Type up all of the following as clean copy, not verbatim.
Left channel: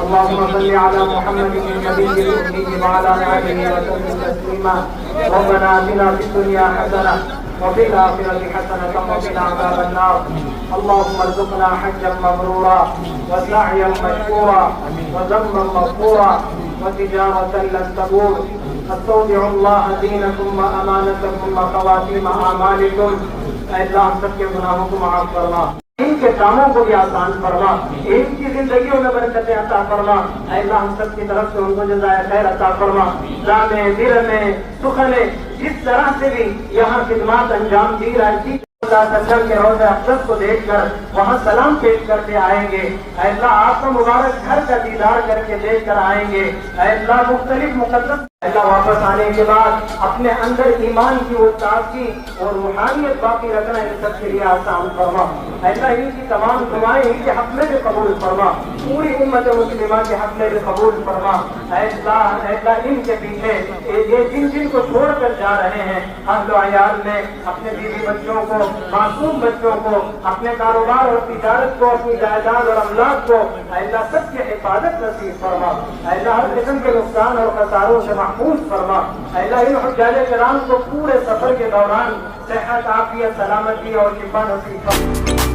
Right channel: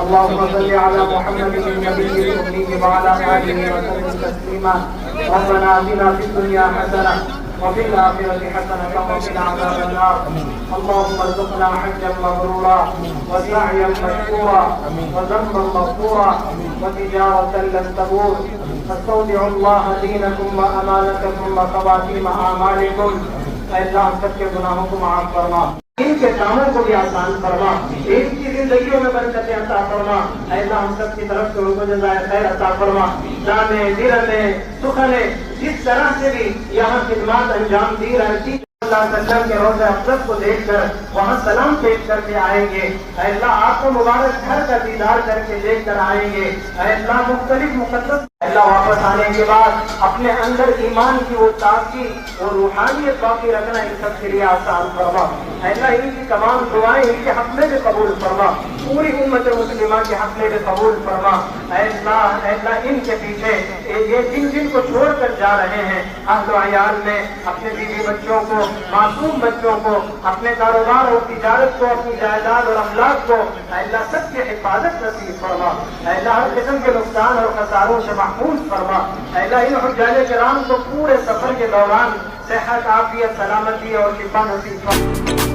اللهم صل على محمد النبي الأمي وعلى آله وسلم تسليما ربنا آتنا في الدنيا حسنة وفي الآخرة حسنة وقنا عذاب النار اللهم ارزقنا حجا مبرورا وسعيا مشكورا وذنبا مغفورا وتجارة لن تبور استودع الله دينكم وأمانتكم وخواتيم أعمالكم اے اللہ ہم سب کے گناہوں کو معاف فرما، ان کے کاموں کو بھی آسان فرما، ان کی زندگیوں میں برکتیں عطا فرما، اے اللہ ہم سب کی طرف سے ان کو جزائے خیر عطا فرما، جانے دل میں سخنے جس طرح سے بھی یہاں خدمات انجام دی رہتی اللہ تعالیٰ کے روضہ اقدس کو دیکھ کر وہاں سلام پیش کر کے آئیں گے، اے اللہ آپ کو مبارک گھر کا دیدار کر کے دیکھ کر آئیں گے، اے اللہ مختلف مقدس اللہ واپس آنے کے بعد اپنے اندر ایمان کی وہ تازگی اور روحانیت باقی رکھنا ان سب کے لیے آسان فرما، اللہ ان کی تمام دعائیں ان کے حق میں بھی قبول فرما، پوری امت مسلمہ کے حق میں بھی قبول فرما، اللہ ان کے پیچھے یہ جن کو چھوڑ کر جا رہے ہیں اہل و عیال میں اپنے بیوی بچوں کو، معصوم بچوں کو، اپنے کاروبار اور تجارت کو، اپنی جائیداد اور املاک کو اللہ سب کی حفاظت نصیب فرما، اللہ ہر قسم کے نقصان اور خساروں سے محفوظ فرما، اللہ ان حجاج کرام کو پورے سفر کے دوران صحت، عافیت، سلامتی اور شفا نصیب فرما۔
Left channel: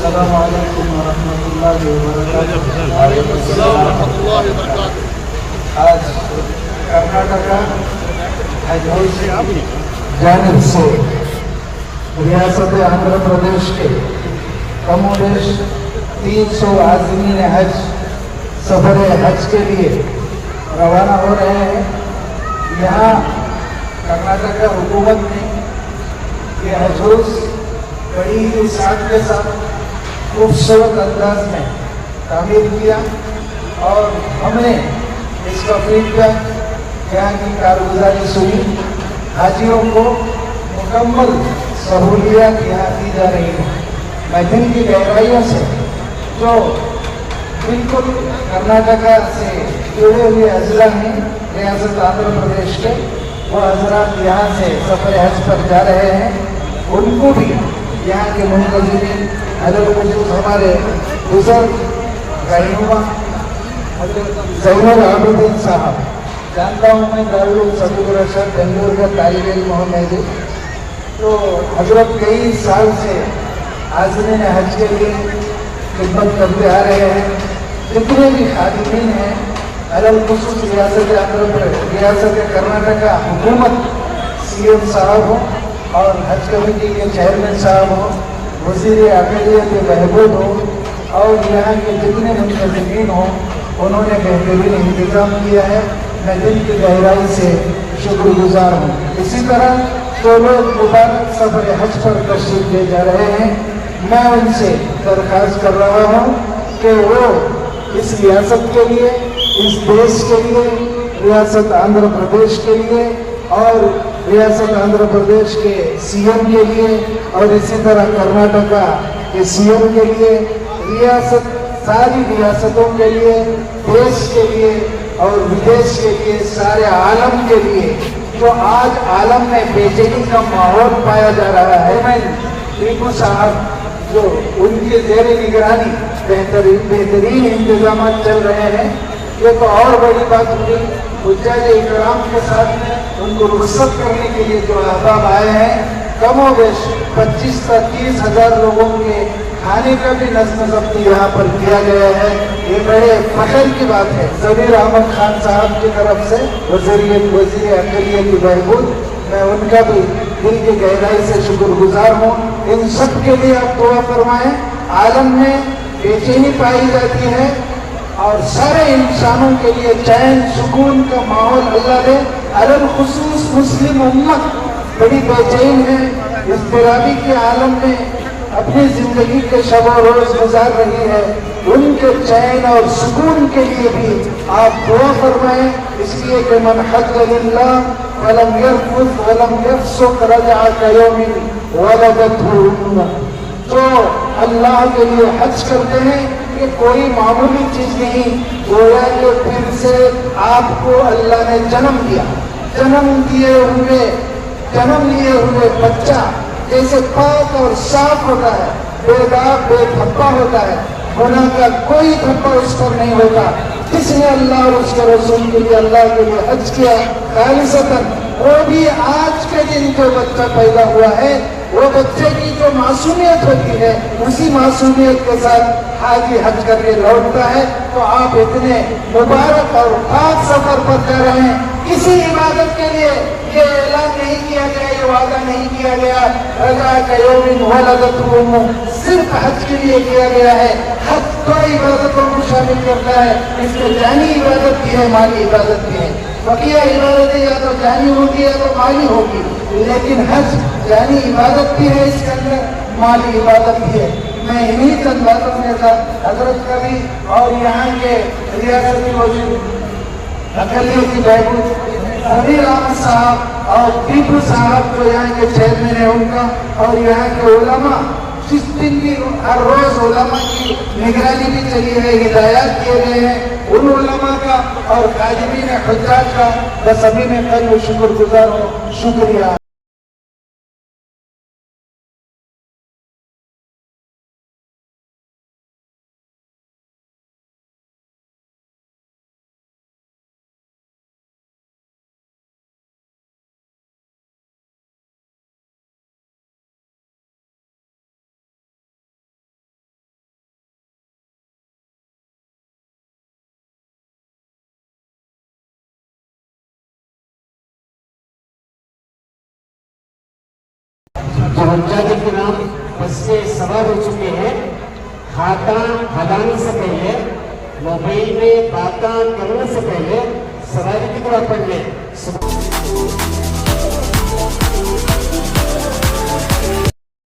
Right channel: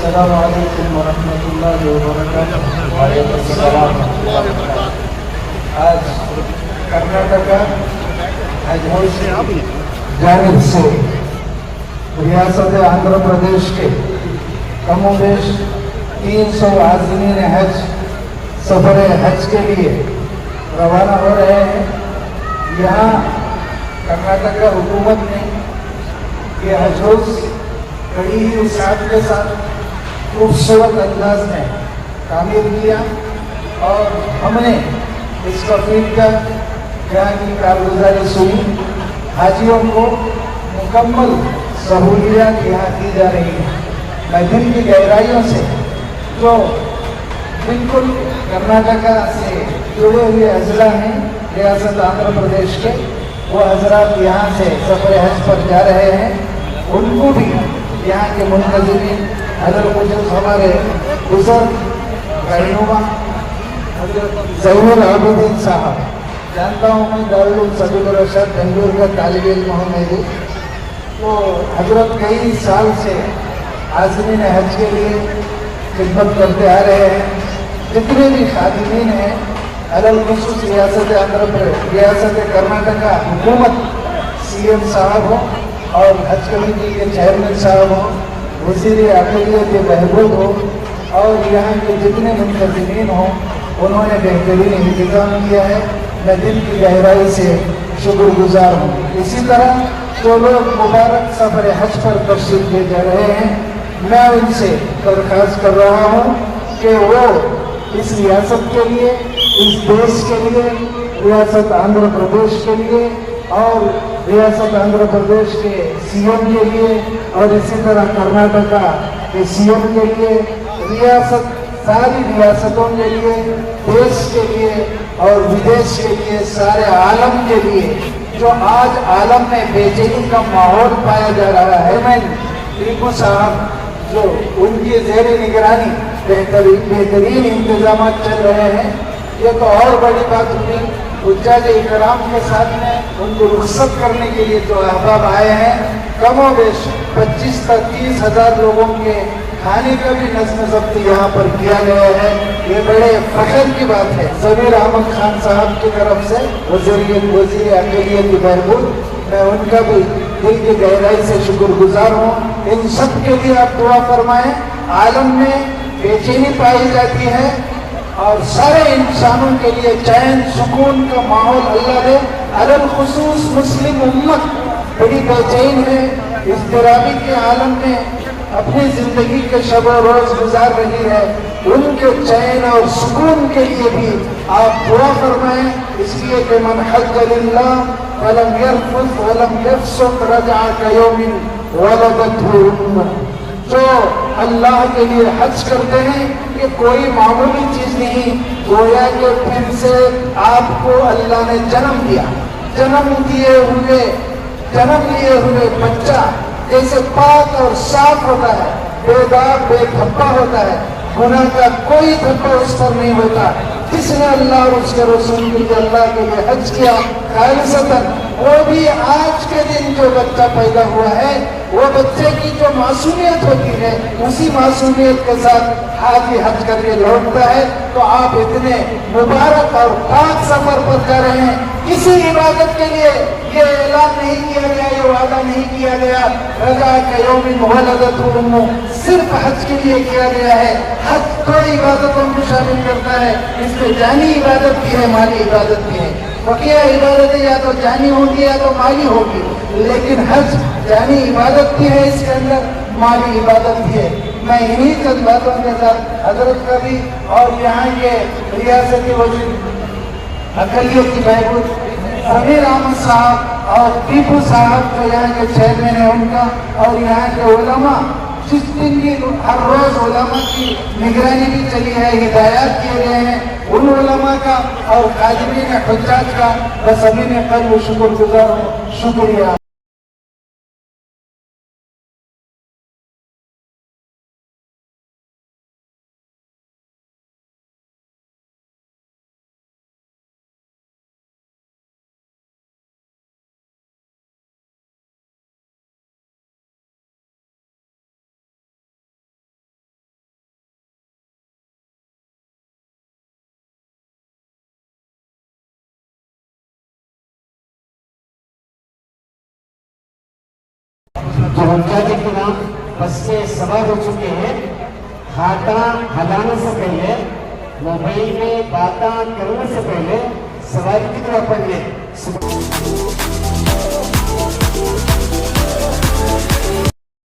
السلام علیکم ورحمۃ اللہ وبرکاتہ۔ وعلیکم السلام ورحمۃ اللہ وبرکاتہ۔ آج کرناٹکا حج بورڈ کی جانب سے ریاست آندھرا پردیش کے کم و بیش 300 عازمین حج سفر حج کے لیے روانہ ہو رہے ہیں۔ یہاں کرناٹکا حکومت نے یہ حج ہاؤس بڑی ہی ساتھ کے ساتھ خوبصورت انداز میں تعمیر کیا اور ہمیں اس تقریب کا یہاں کی کارگزاری سنی۔ حاجیوں کو مکمل سہولیات یہاں کی جا رہی ہیں۔ میں دل کی گہرائیوں سے جو بالکل کرناٹکا سے جڑے ہوئے اضلاع ہیں ریاست آندھرا پردیش کے، وہ حضرات یہاں سے سفر حج پر جا رہے ہیں، ان کو بھی یہاں کے منتظرین حضرت ہمارے بزرگ رہنما حضرت ظہور عابدین صاحب، جانتا ہوں میں دارالعلوم سعودیہ بنگلور کا طالب علم ہوں میں، تو حضرت کئی سال سے عازمین حج کے لیے خدمت کرتے آ رہے ہیں۔ جتنے بھی خادمین ہیں خصوص ریاست کرناٹکا حکومت، سی ایم صاحب ہوں اور حج کمیٹی کے چیئرمین صاحب ہوں، وزیر اقلیت کے بہبود ہوں اور یہاں کے جتنے منتظمین ہوں، انہوں نے بہترین انتظام کیا ہے۔ میں دل کی گہرائی سے شکر گزار ہوں۔ اسی طرح جو لوگ مبارک سفر حج پر تشریف لے جا رہے ہیں، میں ان سے درخواست کر رہا ہوں کہ وہ اس ریاست کے لیے، اس دیش کے لیے، ریاست آندھرا پردیش کے لیے اور ریاست آندھرا پردیش کے سی ایم کے لیے اور اسی طرح کرناٹکا کے سی ایم کے لیے ریاست ساری ریاستوں کے لیے، دیش کے لیے اور ودیش کے لیے، سارے عالم کے لیے جو آج عالم میں بے چینی کا ماحول پایا جا رہا ہے نا، ٹیپو صاحب جو ان کی زیر نگرانی بہترین انتظامات چل رہے ہیں، یہ تو اور بڑی بات ہوئی۔ حجاج اکرام کے ساتھ میں ان کو رخصت کرنے کے لیے جو احباب آئے ہیں، کم و بیش 25 سے 30 ہزار لوگوں کے کھانے کا بھی نظم و ضبط یہاں پر کیا گیا ہے۔ یہ بڑے فخر کی بات ہے۔ ضمیر احمد خان صاحب کی طرف سے وزیر اقلیتی بہبود، میں ان کا بھی دل کی گہرائی سے شکر گزار ہوں۔ ان سب کے لیے آپ دعا فرمائیں۔ عالم میں بے چینی پائی جاتی ہے اور سارے انسانوں کے لیے چین سکون کا ماحول اللہ دے۔ الخصوص مسلم امت بڑی بے چین ہے، اضطرابی کے عالم میں اپنی زندگی کے شب و روز گزار رہی ہے۔ ان کے چین اور سکون کے لیے بھی آپ دعا فرمائیں، اس لیے کہ من حج للہ ولم يرفث ولم يفسق رجع كيوم ولدته امه۔ جو اللہ کے لیے حج کرتے ہیں، یہ کوئی معمولی چیز نہیں، گویا کہ پھر سے آپ کو اللہ نے جنم دیا۔ جنم لیے ہوئے بچہ جیسے پاک اور صاف ہوتا ہے، بے داغ بے دھبا ہوتا ہے، گناہ کا کوئی دھبا اس پر نہیں ہوتا۔ جس نے اللہ اور اس کے رسول کے لیے اللہ کے لیے حج کیا خالصتاً، وہ بھی آج کے دن جو بچہ پیدا ہوا ہے، وہ بچے کی جو معصومیت ہوتی ہے، اسی معصومیت کے ساتھ حاجی حج کر کے لوٹتا ہے۔ تو آپ اتنے مبارک اور پاک سفر پر جا رہے ہیں، کسی عبادت کے لیے یہ اعلان نہیں کیا گیا، یہ وعدہ نہیں کیا گیا رجع کیوم ولدته امہ، صرف حج کے لیے کیا گیا ہے۔ حج تو عبادتوں کو شامل کرتا ہے، اس میں جانی عبادت بھی ہے، مالی عبادت بھی ہے۔ بقیہ عبادتیں یا تو جانی ہوگی یا تو مالی ہوگی، لیکن حج جانی عبادت بھی ہے، اس کے اندر مالی عبادت بھی ہے۔ میں انہی چند باتوں کے ساتھ حضرت کا بھی اور یہاں کے ریاستی وزیر اقلیتی بہبود ضمیر احمد صاحب اور ٹیپو صاحب جو یہاں کے چیئرمین ہیں ان کا، اور یہاں کے علماء جس دن کی ہر روز علماء کی نگرانی بھی چلی ہے، ہدایات کیے گئے ہیں، ان علماء کا اور قادرین حجاج کا بس ابھی نے قلب شکر گزار ہوں۔ شکریہ۔ جو حجاج کرام بس سے سوار ہو چکے ہیں، ہاتھاں ہلانے سے پہلے، موبائل میں باتاں کرنے سے پہلے سواری کی طرح پڑھ لیں۔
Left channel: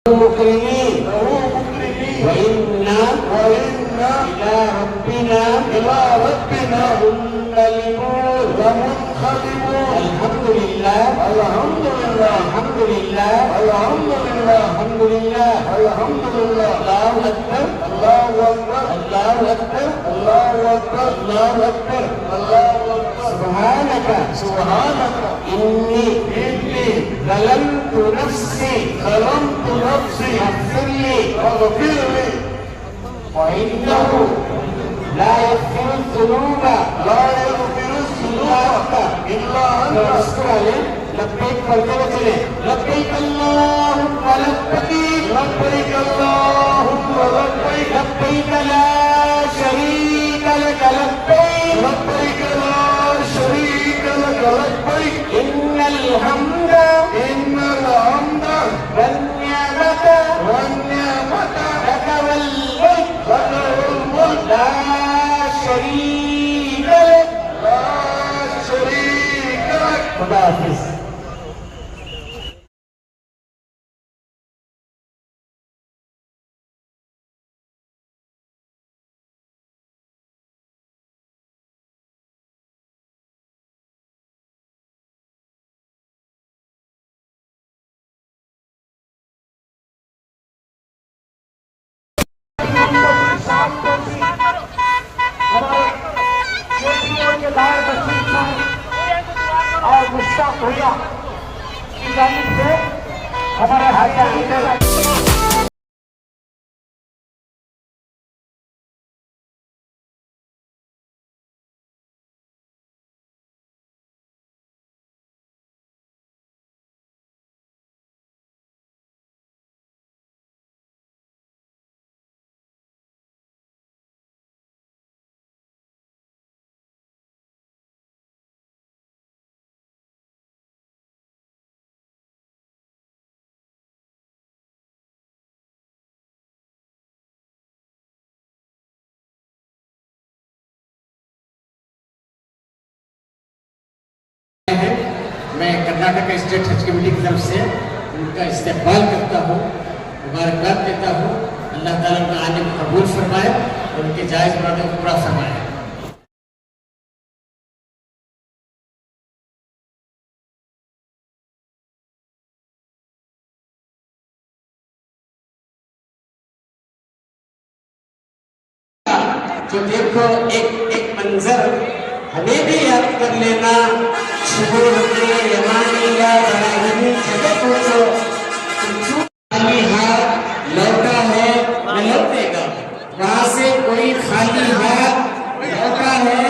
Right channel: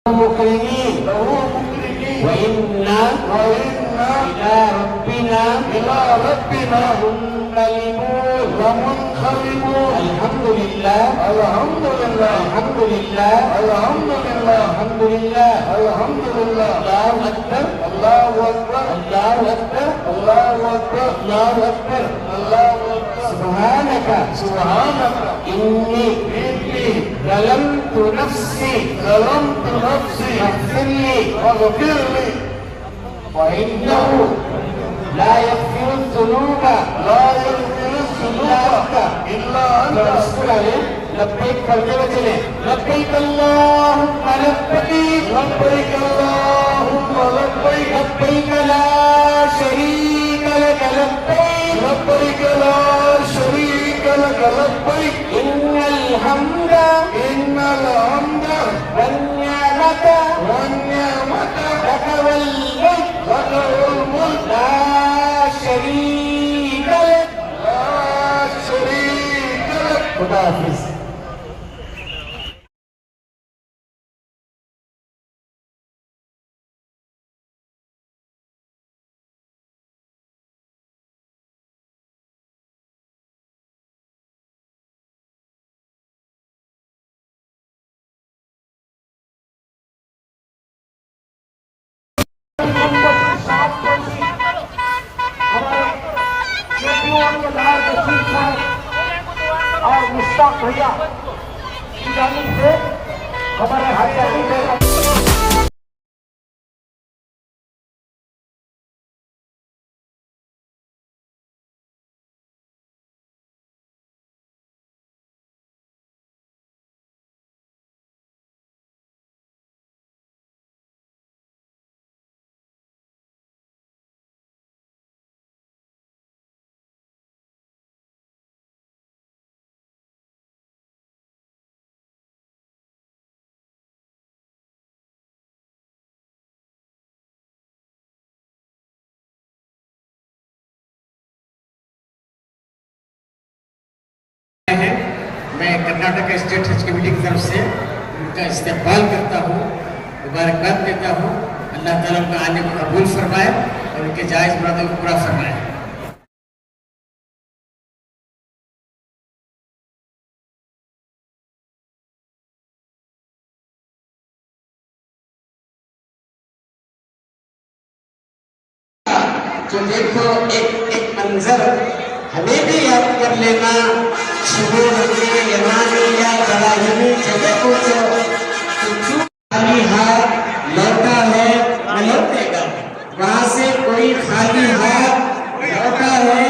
مکرمین وَإِنَّا إِلَىٰ رَبِّنَا منقلبون۔ الحمد للہ الحمد للہ الحمد للہ الحمد للہ الحمد للہ الحمد للہ۔ اللہ اکبر اللہ اکبر اللہ اکبر اللہ اکبر اللہ اکبر اللہ اکبر۔ سبحانک سبحانک انی ظلمت نفسی فاغفر لی وإنه لا يغفر الذنوب إلا أنت۔ لبيك پڑھتے ہوئے چلے، لبيك اللهم لبيك لبيك اللهم لبيك لبيك لا شريك لك لبيك لبيك لا شريك لك لبيك إن الحمد والنعمة لك والملك لا شريك لك خدا حافظ۔ اور مشتاق بھیا کی جانب سے ہمارے حاجی سے میں کرناٹک اسٹیٹ حج کمیٹی کی طرف سے ان کا استقبال کرتا ہوں، مبارکباد دیتا ہوں۔ اللہ تعالیٰ کا آنے کو قبول فرمائے اور ان کے جائز مرادوں کو پورا فرمائے۔ تو دیکھو ایک منظر ہمیں بھی یاد کر لینا، شہور کے یمانی یا براہیمی جگہ پوچھو کہ خالی ہاتھ لوٹا ہے نہ لوٹے گا، وہاں سے کوئی خالی ہاتھ لوٹا ہے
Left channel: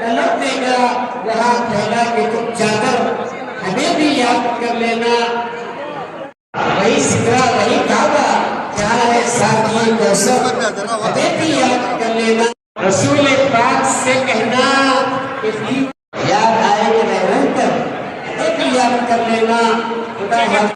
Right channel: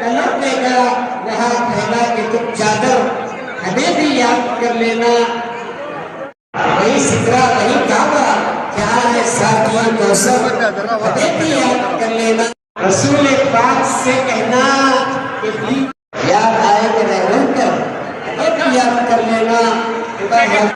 نہ لوٹے گا، وہاں پھیلا کے تم چادر ہمیں بھی یاد کر لینا۔ وہی سدرا وہی کعبہ جہاں ہے ساتھی کوثر ہمیں بھی یاد کر لینا۔ رسول پاک سے کہنا کہ یاد آئے کہ رہ کر ہمیں بھی یاد کر لینا۔ خدا حافظ۔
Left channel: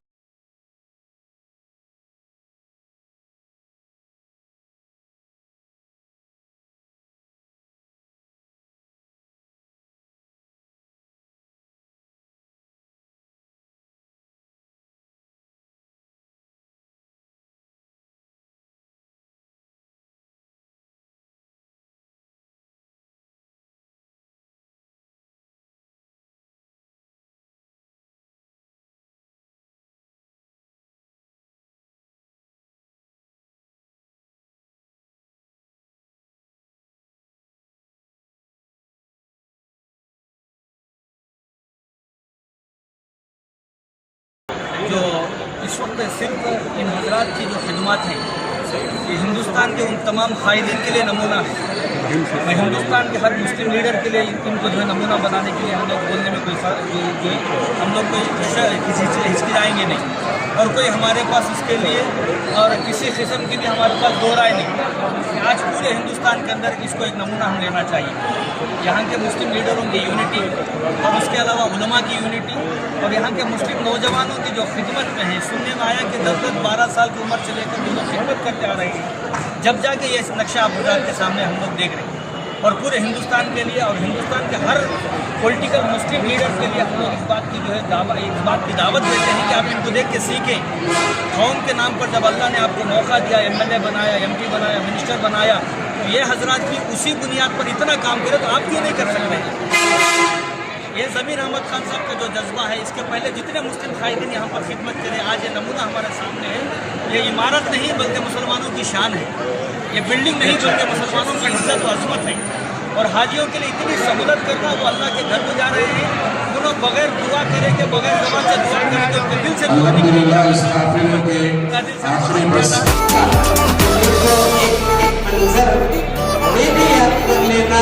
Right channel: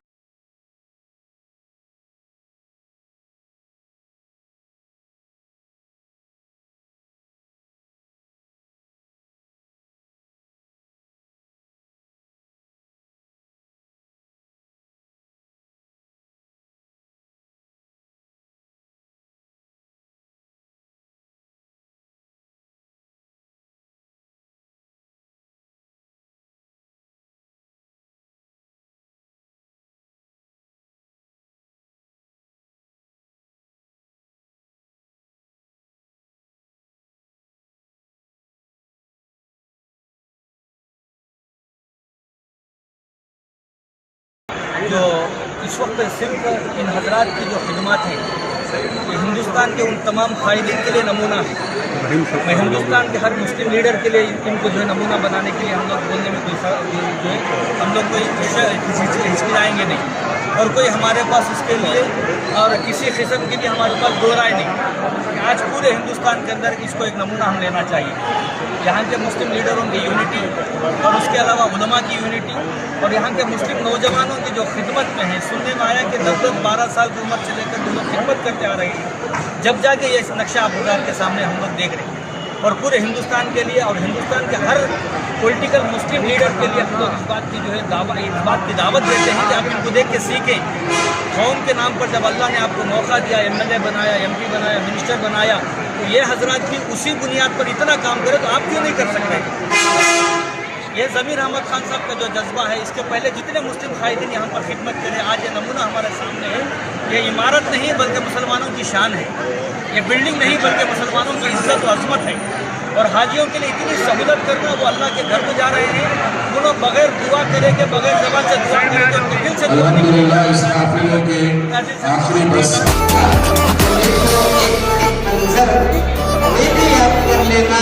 جو اس وقت صرف ان حضرات کی جو خدمات ہیں یہ ہندوستان کے ان تمام قائدین کے لیے نمونہ ہے۔ میں ہندوستان کے ہر مسلم لیڈر کے لیے ان کو جو ہے نمونہ بنانے کے لیے ہم لوگ بولنے میں کوئی جو ہے ہم لوگ کسی سے ہچکچائیں گے نہیں، اور کوئی ہمارے پاس اس کے لیے اور کسی قسم کے لیے ہمارے پاس دو رائے نہیں۔ آج پورے ہندوستان کے اندر اس کو ایک نمونہ ہم لینا چاہیے، یہاں کے مسلم لیڈروں کی یونٹی اور اس کے علاوہ علماء کی یونٹی اور یہاں کے مسلم نوجوانوں کی جو خدمت میں ہیں۔ سننے میں آیا کہ 10-12 سال کی عمر سے لے کر جو لوگ خدمت کرتے آ رہے ہیں، جب جا کے یہ نقشہ اب حضرات کے سامنے ہم لوگ دیکھ رہے ہیں، اور پورے ہندوستان کے لیے اور ہندوستان کے ہر پولیٹیکل مسلم لیڈر کے لیے ہم لوگ اس بات کی جو ہے اس بات کی دعوت دیتے ہیں کہ آپ ان کو دیکھ کے سیکھیں۔ قوم کے نام پر جب اللہ نے آپ کو موقع دیا، MLA بنایا، MP بنایا، منسٹر بنایا، تو یہ حضرات کی اسی بنیاد پر اتنا کام کرے تو آپ کیوں نہیں کر سک رہے؟ یہ ضمیر احمد خان صاحب کا جو جذبہ ہے، اس کے پہلے جتنے مسلم قائدین یہاں پر خدمت کرے، آج یہ نمونہ ہمارے سامنے ہے۔ یہ عمارت نہیں بلکہ مسلمانوں کی شان ہے، یہ بلڈنگ نہیں بلکہ مسلمانوں کی عزت و عظمت ہے۔ اور حاجیوں کے لیے اتنی سہولت کرنا، وہ اللہ کے گھر کو جا رہے ہیں، انہوں بغیر دعا کرے کے بغیر زبان سے دعا کرے کے ان کے دل سے دعا نکلے منظر ہمیں بھی یاد کر لینا۔